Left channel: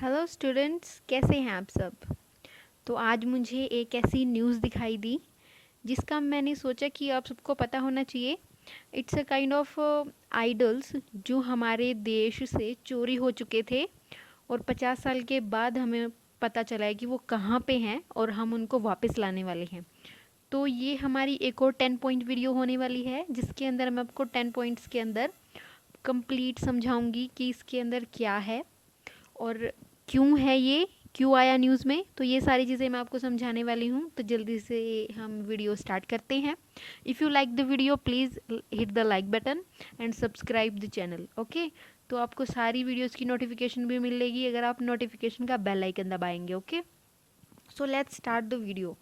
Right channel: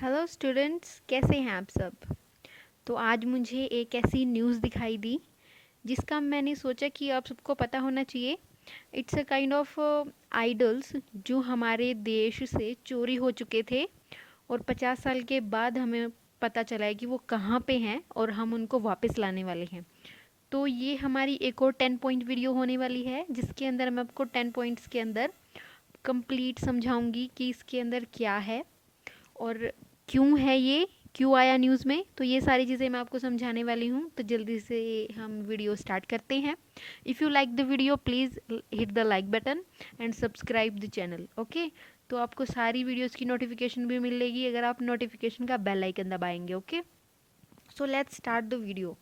Hello students, कैसे हैं आप सब। तो आज मुझे एक ऐसी न्यूज़ दिखाई दी जिसका मैंने सोचा कि आप सबको पता होना चाहिए। It's a kind of idols जो हमारे देश से चोरी हो चुके थे और 50 साल के बाद हमें पता चला है कि वो कहाँ पे हैं और हम उनको वापस लाने वाले हैं। तो ये हमारी एक और 10 पॉइंट वीडियो होने वाली है जिसके अंदर मैं आपको 10 पॉइंट्स के अंदर कंप्लीट समझाऊंगी कि इसके अंदर क्या है और क्यों है, ये क्यों आया न्यूज़ में। तो ये सारी चीज़ें मैं आपको समझाने वाली हूँ। तो जल्दी से हम वीडियो स्टार्ट करते हैं। If you like the video please hit the like button and subscribe the channel. Okay, तो आपको सारी वीडियोस की नोटिफिकेशन भी मिलेगी अगर आप नोटिफिकेशन का बेल आइकन दबाएंगे। Okay, so let's start the video.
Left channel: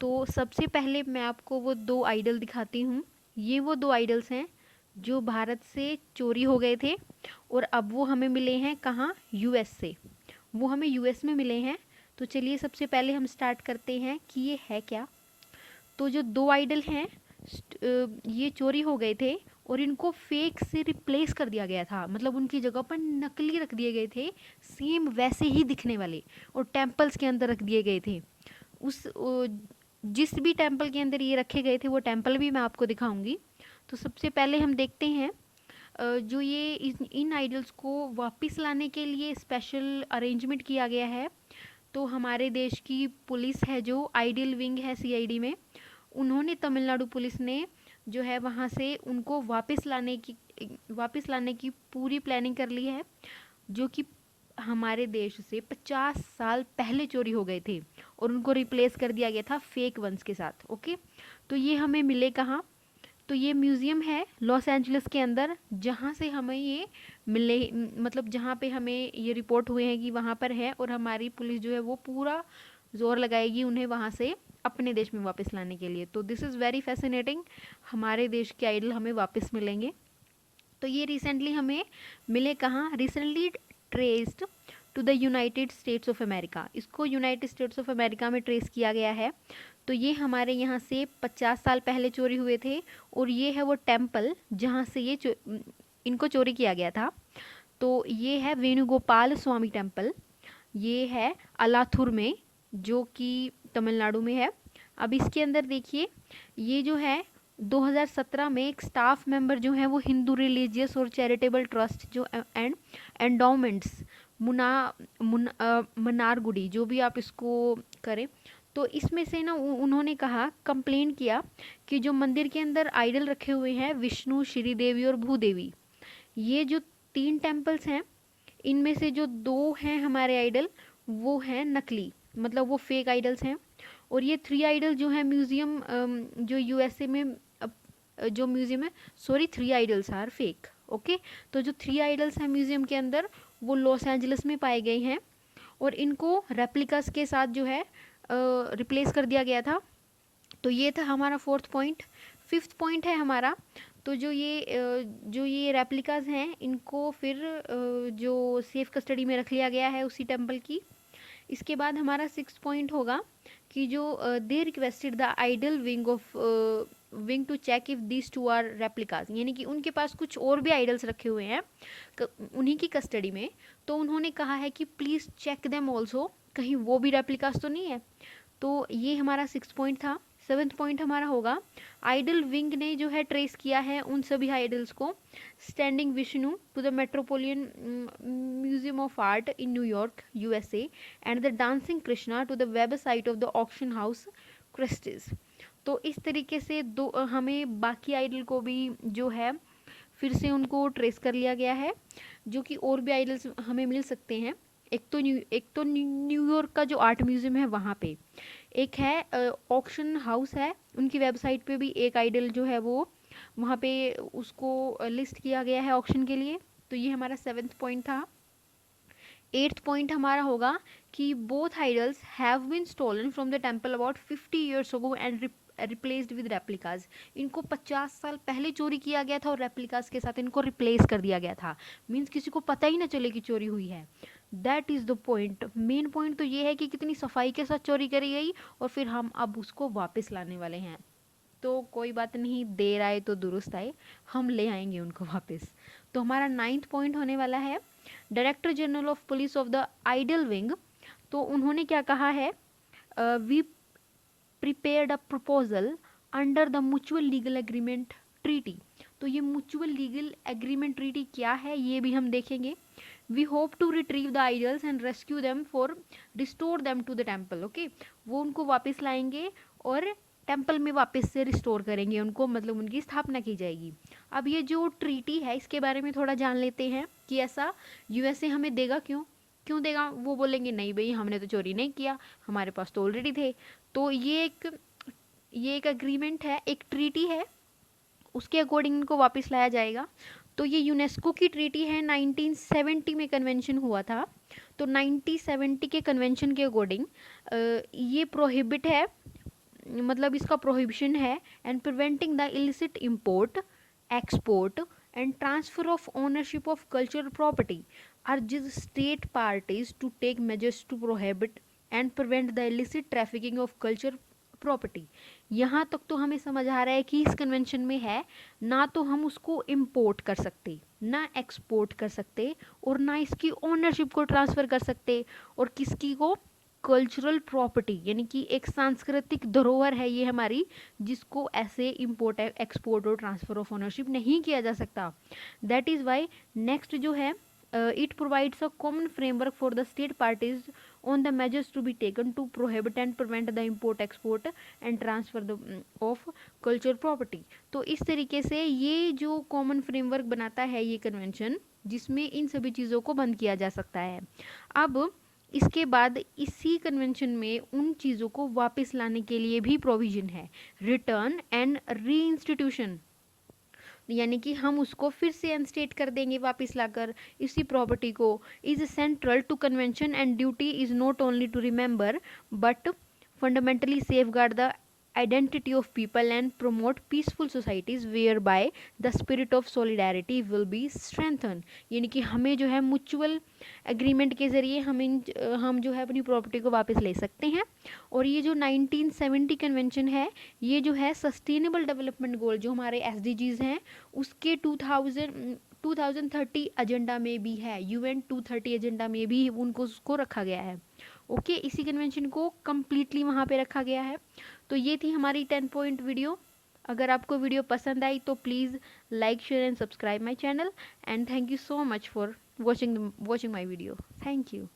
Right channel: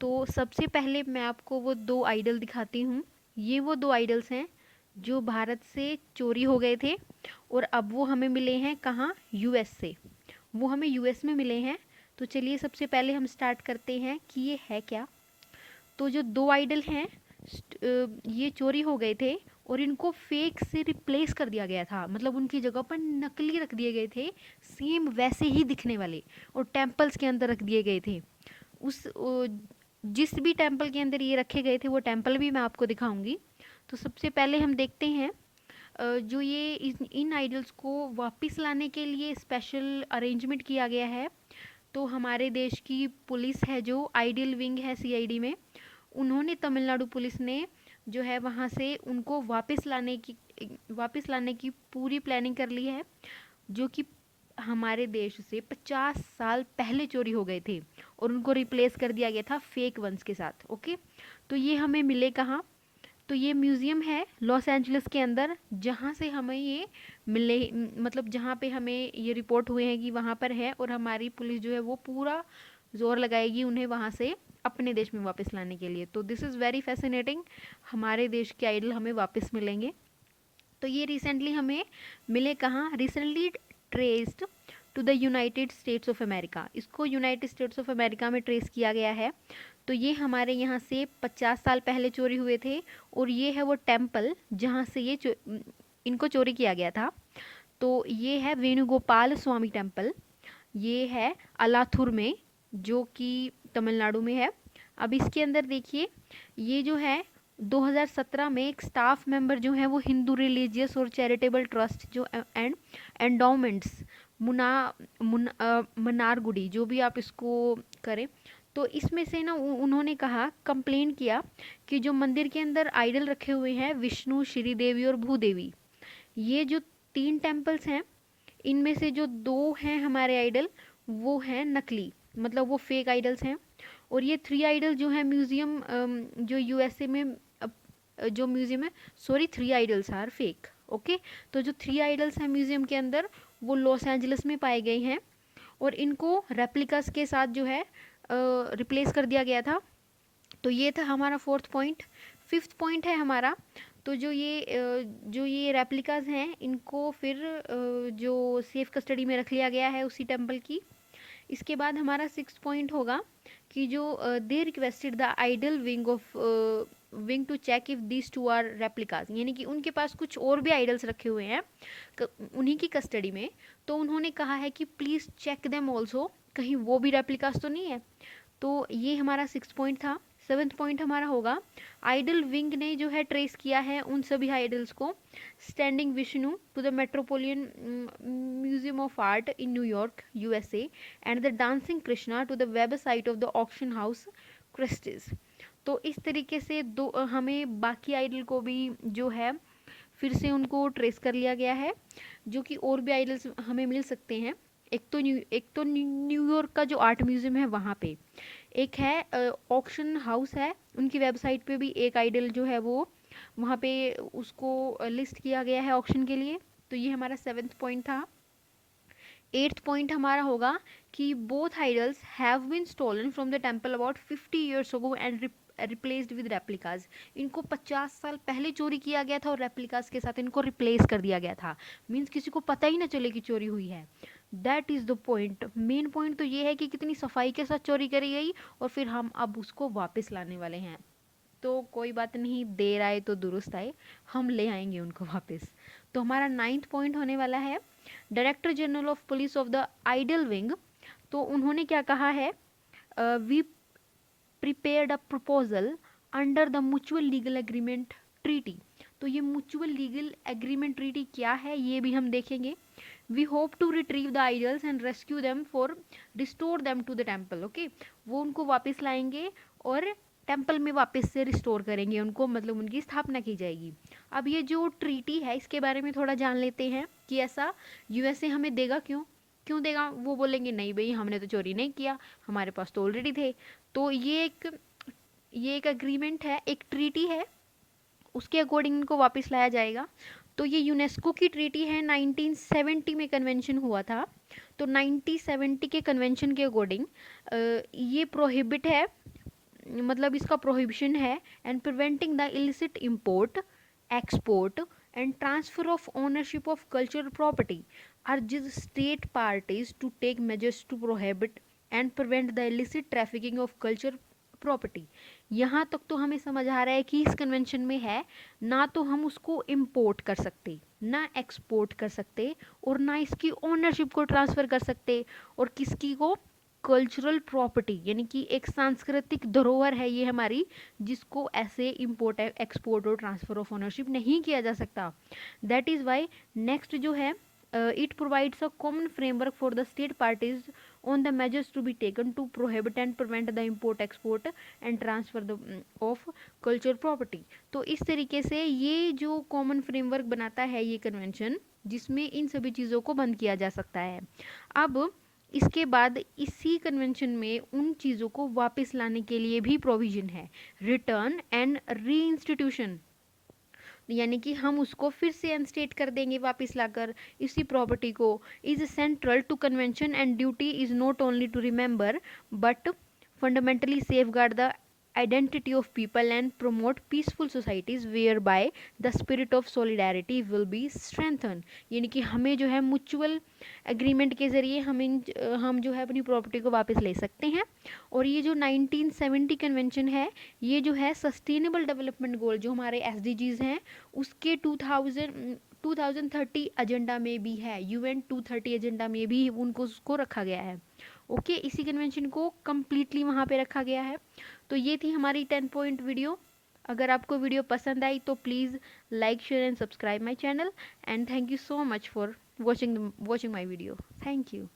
तो सबसे पहले मैं आपको वो दो आइडल दिखाती हूँ। ये वो दो आइडल्स हैं जो भारत से चोरी हो गए थे और अब वो हमें मिले हैं कहाँ, यूएस से। वो हमें यूएस में मिले हैं। तो चलिए सबसे पहले हम स्टार्ट करते हैं कि ये है क्या। तो जो दो आइडल हैं ये चोरी हो गए थे और इनको फेक से रिप्लेस कर दिया गया था। मतलब उनकी जगह पर नकली रख दिए गए थे, सेम वैसे ही दिखने वाले, और टेम्पल्स के अंदर रख दिए गए थे। उस जिस भी टेम्पल के अंदर ये रखे गए थे वो टेम्पल भी मैं आपको दिखाऊंगी। तो सबसे पहले हम देखते हैं जो ये इन आइडल्स को वापस लाने के लिए स्पेशल अरेंजमेंट किया गया है। तो हमारे देश की पुलिस है जो आइडल विंग है सीआईडी में, उन्होंने तमिलनाडु पुलिस ने जो है वहाँ से उनको वापस लाने की पूरी प्लानिंग कर ली है, जो कि हमारे देश से 50 साल पहले चोरी हो गए थे और उनको रिप्लेस कर दिया गया था फेक वंस के साथ। ओके, तो ये हमें मिले कहाँ। तो ये म्यूज़ियम है लॉस एंजलिस के अंदर जहाँ से हमें ये मिले, मतलब जहाँ पे हमें ये रिपोर्ट हुए हैं कि वहाँ पर है, और हमारी पुलिस जो है वो पूरा जोर लगाएगी उन्हें वहाँ से अपने देश में वापस लाने के लिए। तो दिस इज़ वेरी फैसिनेटिंग, हमारे देश के आइडल हमें वापस मिलेंगे। तो ये रिसेंटली हमें मिले कहाँ, recently traced to the United States of America. इसको यूनाइटेड स्टेट्स ऑफ अमेरिका में ट्रेस किया गया है। तो ये हमारे यहाँ से 50 साल पहले चोरी हुए थे और ये है वो टेम्पल जहाँ से ये इनको चोरी किया गया था। तो ये है वेणुगोपाल स्वामी टेम्पल, ये है अलाथुर में जो कि तमिलनाडु में है। अब इसके अंदर देखिए, ये जो है 2017 में एक स्टाफ मेंबर जो है वो हिंदू रिलीजियस और चैरिटेबल ट्रस्ट जो एंड एंडोमेंट्स मनारगुडी, जो भी आप इसको करें, तो इसमें से ना उन्होंने कहा, कंप्लेन किया कि जो मंदिर के अंदर आइडल रखे हुए हैं विष्णु, श्रीदेवी और भूदेवी, ये जो 3 टेम्पल्स हैं इनमें से जो 2 हैं हमारे आइडल वो हैं नकली, मतलब वो फेक आइडल्स हैं। और ये 3 आइडल जो है म्यूजियम जो यूएसए में जो म्यूजियम है, sorry 3 idols are fake. Okay, तो जो 3 आइडल्स हैं म्यूजियम के अंदर वो लॉस एंजलिस में पाए गए हैं और इनको रेप्लिकास के साथ जो है रिप्लेस कर दिया गया था। तो ये था हमारा 4th पॉइंट। 5th पॉइंट है हमारा, तो जो ये रेप्लिकास हैं इनको फिर जो सेफ कस्टडी में रख लिया गया है उसी टेम्पल की। इसके बाद हमारा 6th पॉइंट होगा कि जो they requested the idol wing to check if this two are replicas, यानी कि उनके पास कुछ और भी आइडल्स रखे हुए हैं उन्हीं की कस्टडी में। तो उन्होंने कहा है कि प्लीज़ चेक देम ऑल्सो, कहीं वो भी रेप्लिकास तो नहीं है। तो ये हमारा 6th पॉइंट था। 7th पॉइंट हमारा होगा, आइडल विंग ने जो है ट्रेस किया है उन सभी आइडल्स को standing Vishnu to the Metropolitan Museum of Art in New York USA and the dancing Krishna to the website of the auction house Christie's. तो इस तरीके से हमें बाकी आइडल को भी जो है फिर से उनको ट्रेस कर लिया गया है, जो कि और भी आइडल्स हमें मिल सकते हैं। एक तो न्यूयॉर्क का जो आर्ट म्यूजियम है वहाँ पे, एक है ऑक्शन हाउस है, उनकी वेबसाइट पे भी एक आइडल जो है वो वहाँ पे उसको लिस्ट किया गया है ऑक्शन के लिए। तो ये हमारा 7th पॉइंट था। 8th पॉइंट हमारा होगा कि both idols have been stolen from the temple about 50 years ago and replaced with replicas. इनको 50 साल पहले चोरी किया गया था और रेप्लिकाज के साथ इनको रिप्लेस कर दिया गया था। मीन्स किसी को पता ही ना चले कि चोरी हुई है। That is the point. Main point तो ये है कि कितनी सफाई के साथ चोरी करी गई और फिर हम अब उसको वापस लाने वाले हैं। तो कोई बात नहीं, देर आए तो दुरुस्त आए, हम ले आएंगे उनको वापस। तो हमारा 9th पॉइंट होने वाला है, director general of police of the idol wing, तो उन्होंने क्या कहा है, we prepared a proposal under the mutual legal agreement treaty. तो ये म्यूचुअल लीगल एग्रीमेंट ट्रीटी क्या है ये भी हम देखेंगे। We hope to retrieve the idols and rescue them for restore them to the temple. Okay, वो उनको वापस लाएंगे और टेम्पल में वापस से रिस्टोर करेंगे उनको, मतलब उनकी स्थापना की जाएगी। अब ये जो ट्रीटी है इसके बारे में थोड़ा जान लेते हैं कि ऐसा यूएसए हमें देगा क्यों देगा। वो बोलेंगे नहीं भाई हमने तो चोरी नहीं किया, हमारे पास तो ऑलरेडी थे। तो ये एक अग्रीमेंट है, एक ट्रीटी है, उसके अकॉर्डिंग इनको वापस लाया जाएगा। तो ये यूनेस्को की ट्रीटी है, 1970 में कन्वेंशन हुआ था। तो 1970 के कन्वेंशन के अकॉर्डिंग ये प्रोहिबिट है, मतलब इसका प्रोहिबिशन है, and preventing the illicit import, export and transfer of ownership of cultural property urges state parties to take measures to prohibit and prevent the illicit trafficking of culture property। यहाँ तक तो हमें समझ आ रहा है कि इस कन्वेंशन में है ना तो हम उसको इम्पोर्ट कर सकते, ना एक्सपोर्ट कर सकते, और ना इसकी ओनरशिप को ट्रांसफर कर सकते, और किसकी को, कल्चरल प्रॉपर्टी, यानी कि एक सांस्कृतिक धरोहर है ये हमारी, जिसको ऐसे इम्पोर्ट एक्सपोर्ट और ट्रांसफर ऑफ ओनरशिप नहीं किया जा सकता। दैट इज वाई नेक्स्ट जो है, it provides a common framework for the state parties on the measures to be taken to prohibit and prevent the import, export and transfer of cultural property। तो इस तरीके से ये जो common framework बनाता है ये कन्वेंशन, जिसमें इन सभी चीज़ों को बंद किया जा सकता है। अब इसके बाद इसी कन्वेंशन में उन चीज़ों को वापस लाने के लिए भी प्रोविजन है, रिटर्न एंड री इंस्टीट्यूशन, यानी कि हम उसको फिर से अनस्टेट कर देंगे वापस लाकर इसी प्रॉपर्टी को। Is central to convention and duty is not only to remember but fundamentally safeguard the identity of people and promote peaceful societies whereby the spirit of solidarity will be strengthened। यानी कि हमें जो है mutual agreement के जरिए हम जो है अपनी प्रॉपर्टी को वापस ले सकते हैं। और ये जो 1970 कन्वेंशन है ये जो है सस्टेनेबल डेवलपमेंट गोल जो हमारे SDGs हैं उसके 2030 एजेंडा में भी है, UN 230 एजेंडा में भी उनको उसको रखा गया है। ओके, इसी कन्वेंशन को कम्प्लीटली वहाँ पे रखा गया है। तो ये थी हमारी 10 पॉइंट वीडियो। अगर आपको वीडियो पसंद आई तो please like, share and subscribe my channel, and thank you so much for watching my video. Thank you.